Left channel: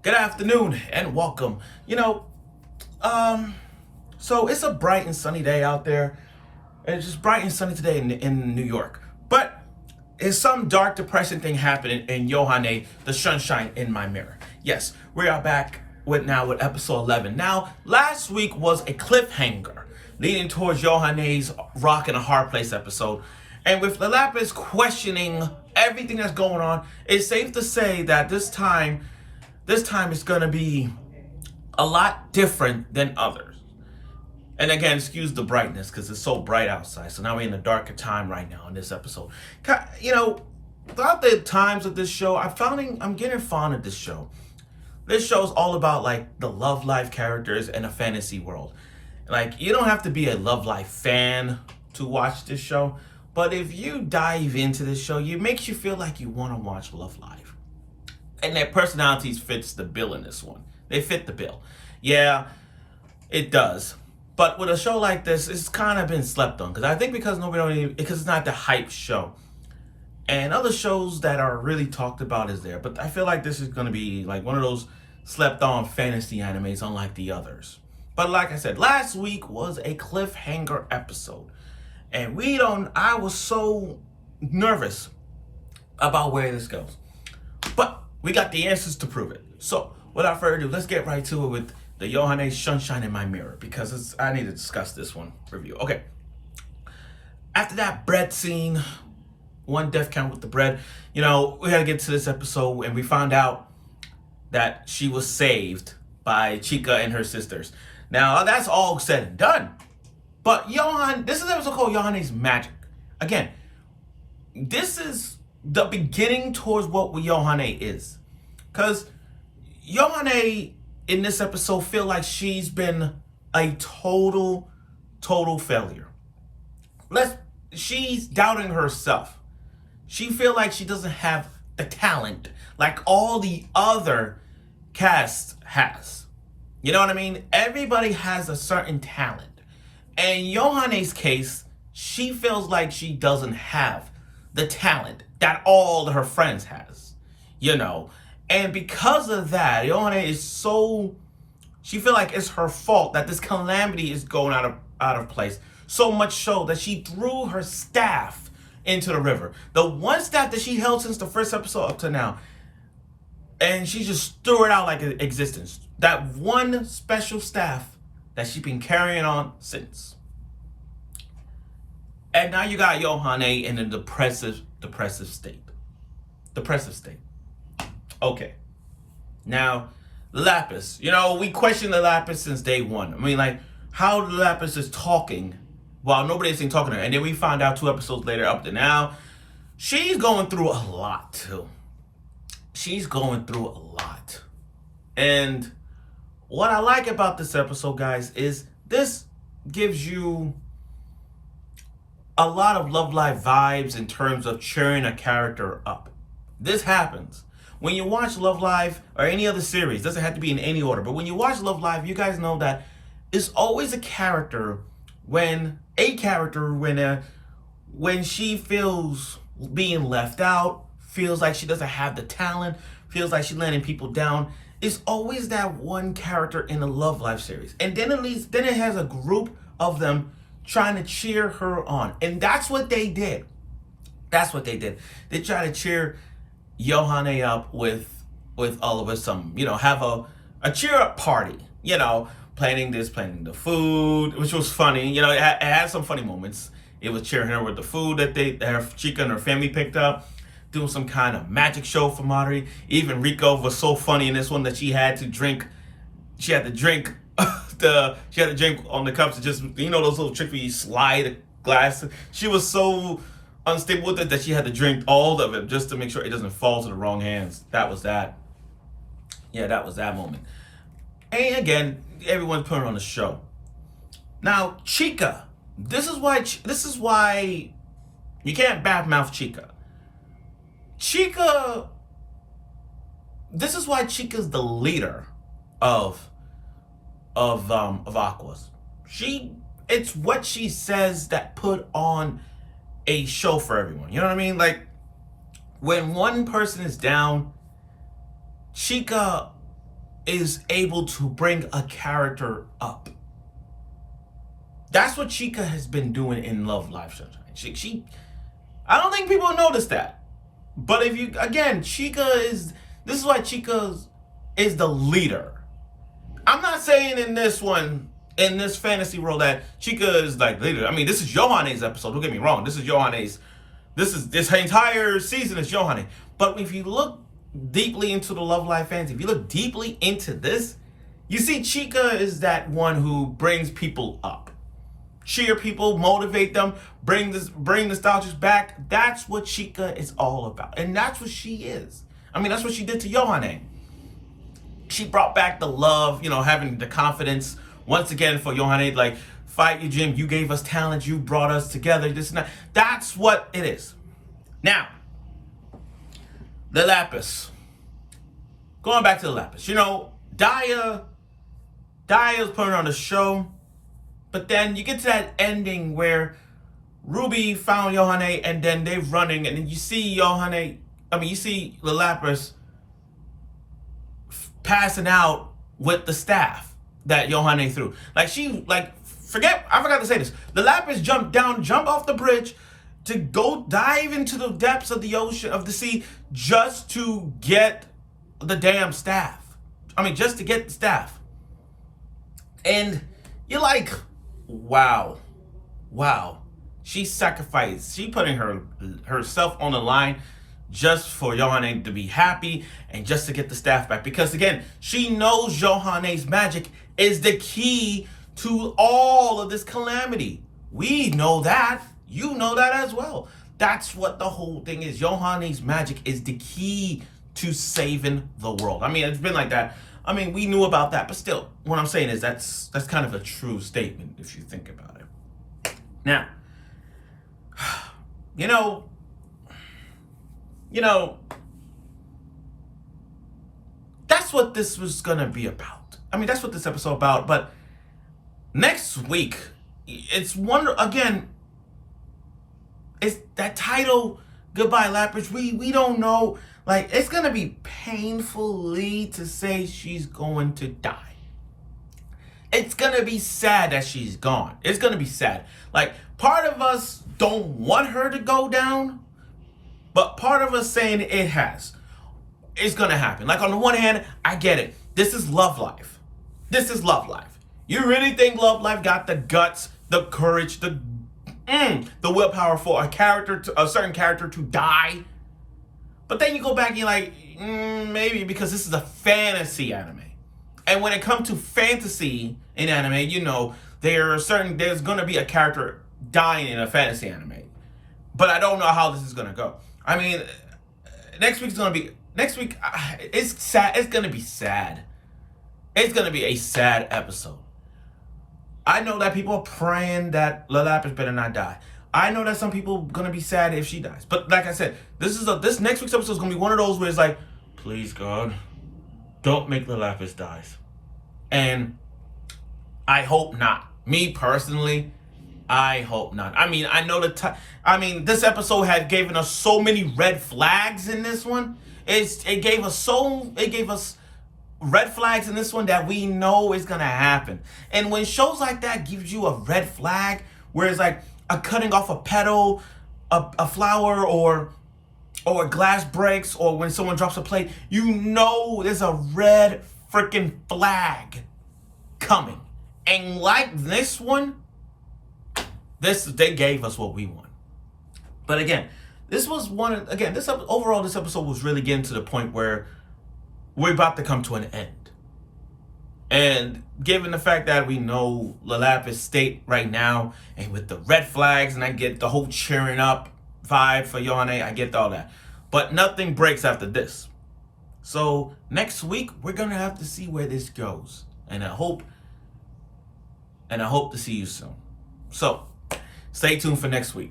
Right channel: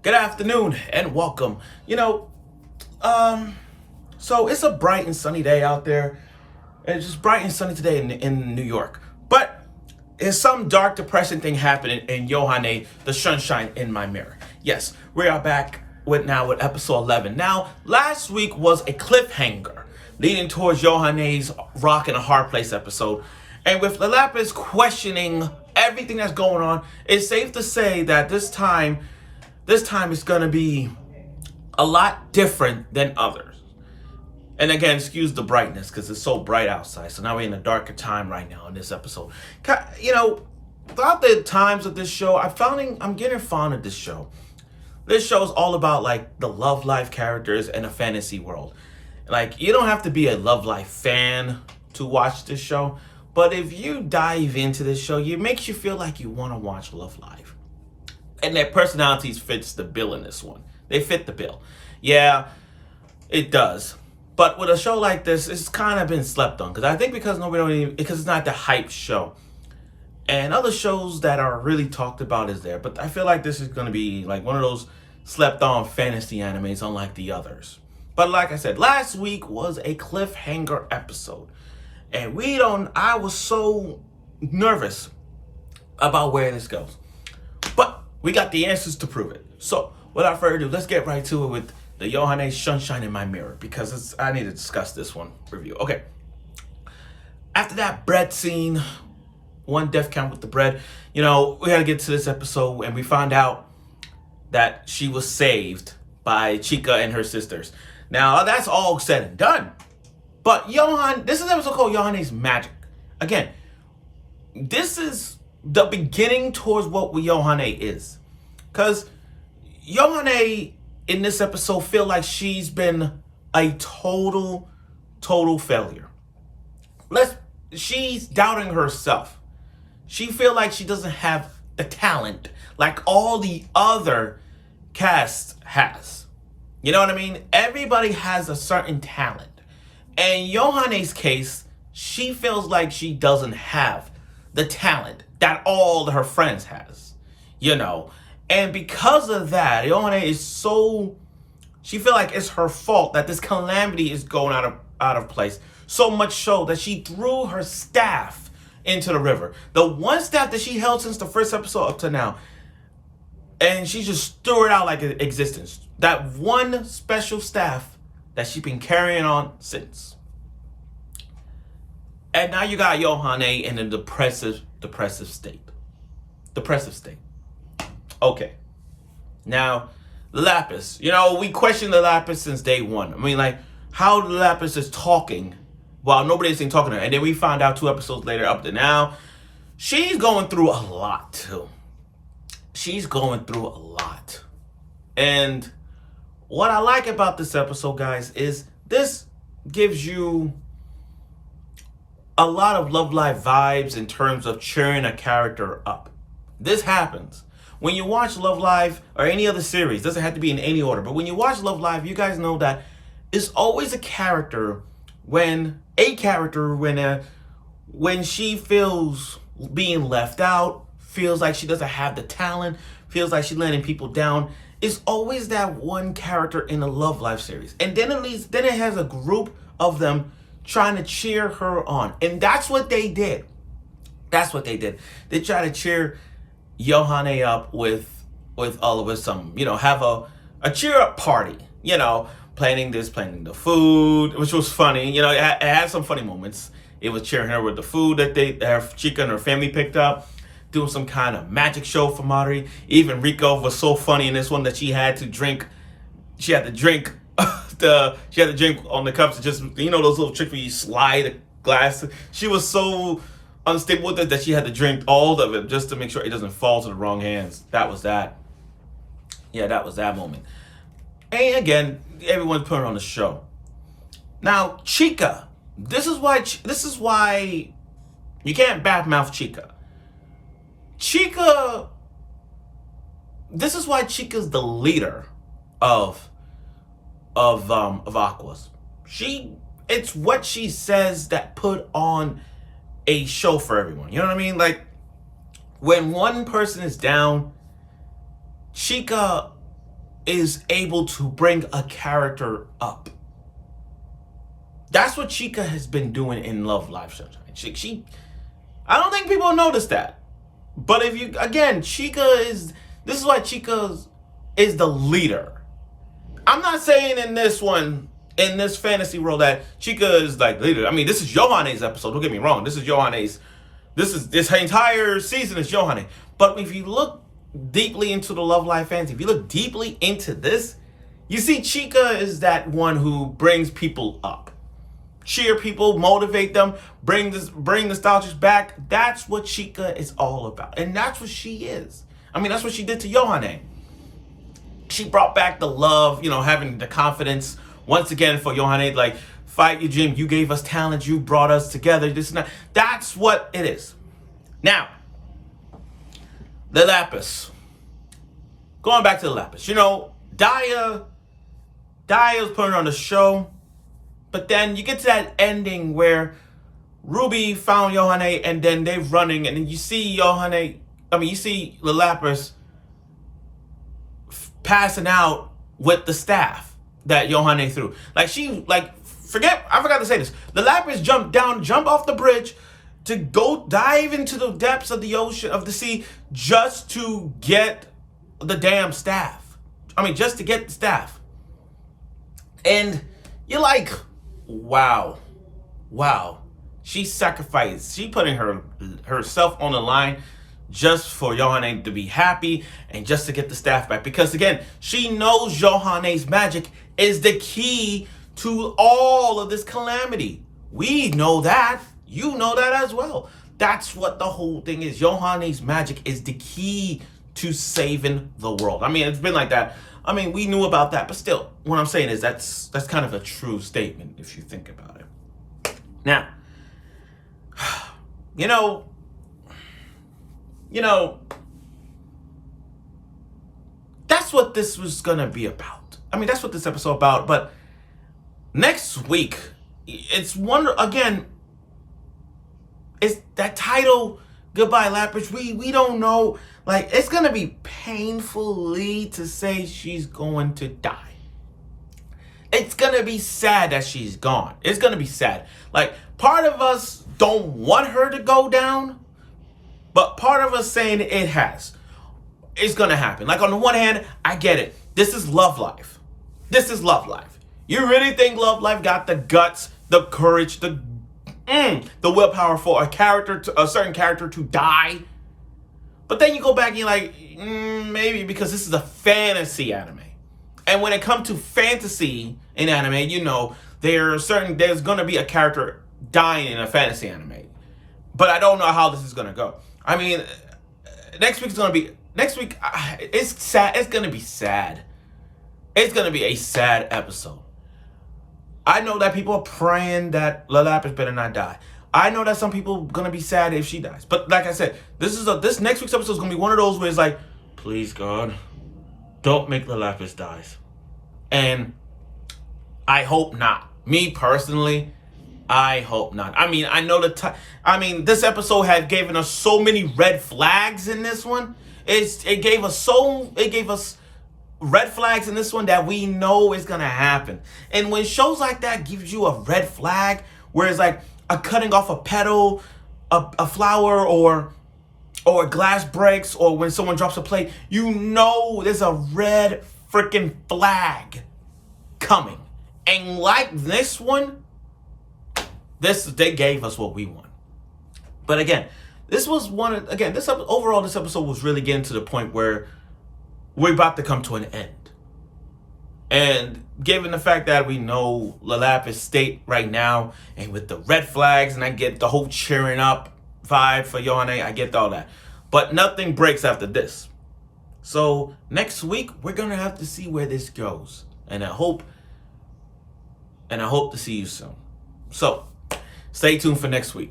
Good afternoon and welcome. So it's a bright and sunny day out there. It's just bright and sunny today in New York. But is some dark, depressing thing happening in Yohane, the sunshine in my mirror? Yes, we are back with episode 11. Now, last week was a cliffhanger leading towards Yohane's Rock in a Hard Place episode. And with Lailaps questioning everything that's going on, it's safe to say that this time it's going to be a lot different than others. And again, excuse the brightness because it's so bright outside. So now we're in a darker time right now in this episode. Throughout the times of this show, I'm getting fond of this show. This show is all about like the love life characters in a fantasy world. Like, you don't have to be a love life fan to watch this show. But if you dive into this show, it makes you feel like you want to watch Love Live. And their personalities fits the bill in this one. They fit the bill. Yeah, it does. But with a show like this, it's kind of been slept on. Because it's not the hype show. And other shows that are really talked about is there. But I feel like this is going to be like one of those slept on fantasy animes unlike the others. But like I said, last week was a cliffhanger episode. And I was so nervous about where this goes. But we got the answers to prove it. So, without further ado, let's get right to it with the Yohane Sunshine in My Mirror. Because I need to discuss this one review. Okay. After that bread scene, one death count with the bread, we had to get to this episode and we found out that she was saved by Chica and her sisters. Now, that's all said and done. But this is an episode called Yohane's Magic. Again, this is the beginning towards what Yohane is. Because Yohane in this episode feel like she's been a total failure. She's doubting herself. She feel like she doesn't have the talent like all the other cast has. You know what I mean? Everybody has a certain talent. And Yohane's case, she feels like she doesn't have the talent that all her friends has, And because of that, Yohane she feel like it's her fault that this calamity is going out of place. So much so that she threw her staff into the river. The one staff that she held since the first episode up to now. And she just threw it out like existence. That one special staff that she's been carrying on since. And now you got Yohane in a depressive state. Okay. Now, Lailaps. We questioned Lailaps since day one. I mean, like, how Lailaps is talking while nobody's been talking to her. And then we found out 2 episodes later up to now, she's going through a lot, too. And what I like about this episode, guys, is this gives you a lot of Love Live vibes in terms of cheering a character up. This happens. When you watch Love Live or any other series, doesn't have to be in any order, but when you watch Love Live, you guys know that it's always a character when she feels being left out, feels like she doesn't have the talent, feels like she's letting people down. It's always that one character in a Love Live series. And then it has a group of them trying to cheer her on. And that's what they did. They try to cheer Yohane up with all of us have a cheer up party, planning the food, which was funny. It had some funny moments. It was cheering her with the food that her Chica and her family picked up, doing some kind of magic show for Mari. Even Rico was so funny in this one that she had to drink on the cups, just those little tricks where you slide a glass. She was so unstable with it that she had to drink all of it just to make sure it doesn't fall to the wrong hands. That was that moment. And again, everyone's putting on the show. Now, Chica, this is why you can't badmouth Chica. This is why Chica's the leader of Aquas. It's what she says that put on a show for everyone. You know what I mean? Like, when one person is down, Chica is able to bring a character up. That's what Chica has been doing in Love Live Sunshine. She I don't think people notice that. But if you, again, this is why Chica is the leader. I'm not saying in this one, in this fantasy world, that Chica is like leader. I mean, this is Yohane's episode. Don't get me wrong. This entire season is Yohane. But if you look deeply into the Love Live fantasy, if you look deeply into this, you see Chica is that one who brings people up. Cheer people, motivate them, bring nostalgics back. That's what Chica is all about. And that's what she is. I mean, that's what she did to Yohane. She brought back the love, having the confidence once again for Yohane, like, fight you, Jim. You gave us talent. You brought us together. This and that. That's what it is. Now, Lailaps. Going back to Lailaps. Daya was putting on the show. But then you get to that ending where Ruby found Yohane and then they're running, and then you see you see Lailaps passing out with the staff that Yohane threw. I forgot to say this. Lailaps jump off the bridge to go dive into the depths of the ocean, of the sea, just to get the damn staff. Just to get the staff. And you're like, wow. She sacrificed. She putting herself on the line just for Yohane to be happy and just to get the staff back. Because again, she knows Yohane's magic is the key to all of this calamity. We know that. You know that as well. That's what the whole thing is. Yohane's magic is the key to saving the world. It's been like that. We knew about that, but still, what I'm saying is that's kind of a true statement if you think about it. Now, that's what this was gonna be about. That's what this episode about. But next week, it's that title, Goodbye Lailaps. We don't know. It's gonna be painfully to say she's going to die. It's gonna be sad that she's gone. It's gonna be sad. Part of us don't want her to go down, but part of us saying it's gonna happen. On the one hand, I get it. This is Love Live. You really think Love Live got the guts, the courage, the willpower for a certain character to die? But then you go back and you're like, maybe, because this is a fantasy anime. And when it comes to fantasy in anime, there's going to be a character dying in a fantasy anime. But I don't know how this is going to go. Next week, it's sad. It's going to be sad. It's going to be a sad episode. I know that people are praying that Lailaps better not die. I know that some people are going to be sad if she dies. But like I said, this next week's episode is going to be one of those where it's like, please, God, don't make Lailaps die. And I hope not. Me personally, I hope not. I know this episode had given us so many red flags in this one. It gave us red flags in this one that we know is going to happen. And when shows like that gives you a red flag, where it's like a cutting off a petal, a flower, or glass breaks, or when someone drops a plate, there's a red freaking flag coming. And like this one, they gave us what we want. But again, this episode was really getting to the point where we're about to come to an end. And given the fact that we know Lailaps' state right now, and with the red flags, and I get the whole cheering up vibe for Yohane, I get all that. But nothing breaks after this. So next week, we're going to have to see where this goes. And I hope to see you soon. So stay tuned for next week.